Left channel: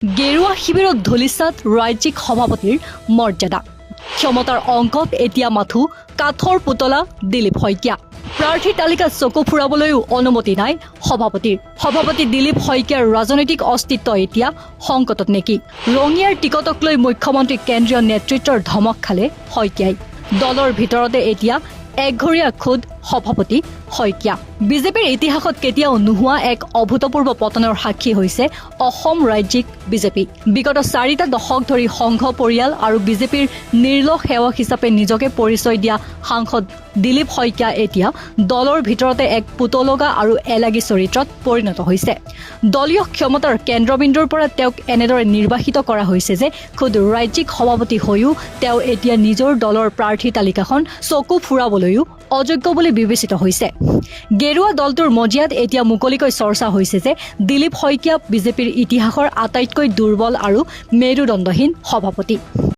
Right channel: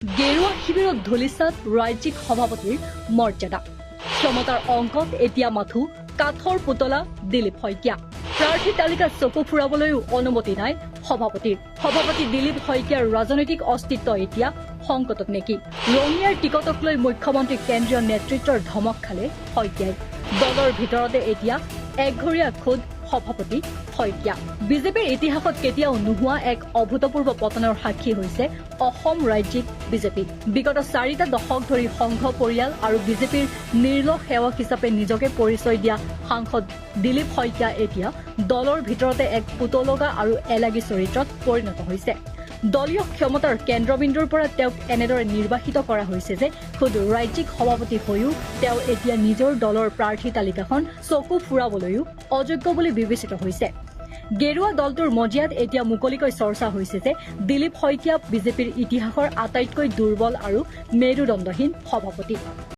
গেৰুৱা শিবিৰত ধলিচাত ৰাজ্যিক সভাপতিৰ মৰ্যাদা ক্ষমতাৰ অংকত এতিয়া মাথো কাঠৰ পুতলা দিলীপ শইকীয়া প্ৰাৰ্থী তালিকাত চকু ফুৰাবলৈও অনুমতি নাই সভাপতি দিলীপ শইকীয়াৰ ৰাজনৈতিক অস্তিত্ব এতিয়া সংকটত নেকি ৰঙিয়াৰ টিকটক লৈ মুখ্যমন্ত্ৰী কেন্দ্ৰীয় নেতৃত্বৰ ধমক খালে শইকীয়াই দলৰ ভিতৰতে এতিয়া একঘৰীয়া খুদ সভাপতি শইকীয়া বিজেপিৰ ইতিহাসত কেতিয়াও নোহোৱা এক অভূতপূৰ্ব পতনৰ সাক্ষী হৈছে অসম ৰাজ্যিক বিজেপি বিগত 4টা দশক ধৰি সংঘ পৰিয়াল আৰু বিজেপিৰ নিৰ্লহ সেৱক হিচাপে নিজকে পৰিচয় দিয়া সাংসদ দিলীপ শইকীয়া এতিয়া দলৰ ভিতৰতে এক পুতলগা আৰু এলাগী চৰিত্ৰত পৰিণত হৈছে দলীয় ক্ষমতাৰ কেন্দ্ৰবিন্দুৰ পৰা তেওঁক এনেদৰে নিৰ্বাচিত কৰা হৈছে যে খুদ ৰাজ্যিক সভাপতি হৈও তেওঁ এতিয়া নিজৰ দলৰ প্ৰাৰ্থী তালিকাখন চকু ফুৰাবলৈও অযোগ্য বুলি বিবেচিত হৈছে গেৰুৱা দলটোৰ মজিয়াত এতিয়া মুকলিকৈ চৰ্চা হৈছে যে দিলীপ শইকীয়া বিজেপিৰ ইতিহাসৰ আটাইতকৈ দুৰ্বল আৰু মেৰুদণ্ডহীন সভাপতি